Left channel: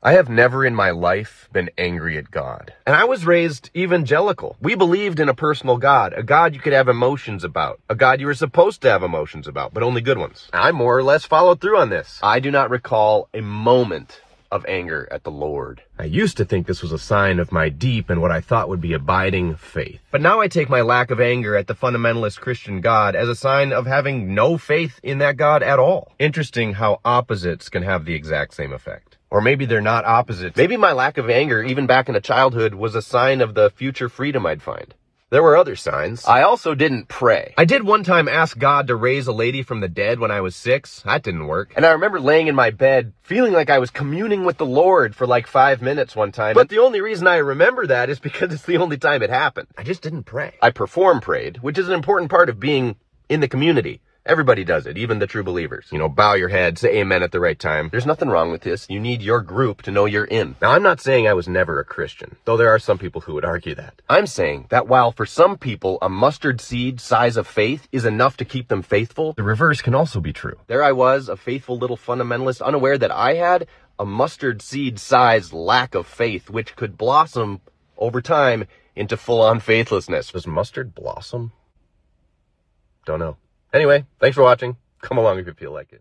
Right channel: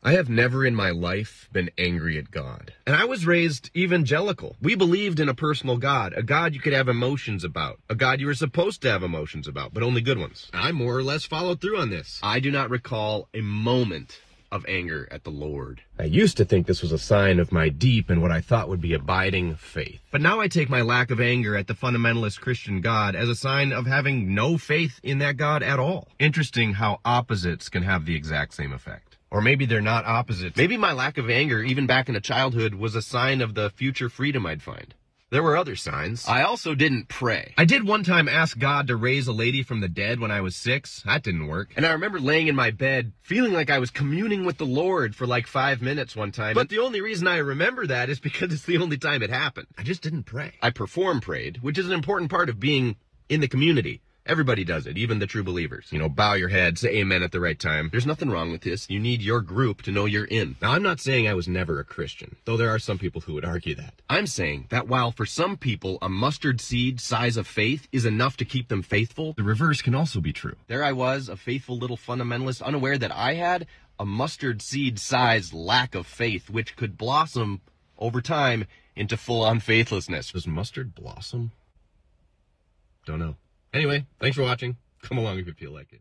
I have never in my life been angry at God. And I was raised evangelical. We believed in a personal God, a God you could have emotions about, a God you were supposed to have emotions about, but only good ones. I more or less followed through on this. I do not recall a moment of anger at the Lord. I used to think this was a sign of my deep and what I thought would be abiding faith. But now I take my lack of anger at the fundamentalist Christian God as a sign of having no faith in that God at all. Interesting how opposites can have the exact same effect. Or maybe they're not opposites. Maybe my lack of anger, even back into childhood, was a sign of the future freedom I'd find. There were other signs. I also didn't pray. I did one time ask God to raise a lady from the dead when I was 6. That didn't work. And I remember laying in my bed, feeling like I was communing with the Lord for like 5 minutes one time. But the only reason I remember that is because it's the only time it happened. I just didn't pray. I prayed, which is an important part of being in the community. Everybody does it, even the true believers. You know, bow your head, say amen at the right time. There's nothing wrong with this. You need your group to know you're in. Now, I'm not saying I was never a Christian, though there are some people who would argue that. I'm saying that while for some people a mustard seed size of faith is enough to keep them faithful, the reverse can also be true. There I was, a faithful little fundamentalist, unaware that I had a mustard seed sized lack of faith, which could blossom over time into full-on faithlessness. Does mustard blossom? Don't know. Anyway, thanks for watching. Come along if you feel like it.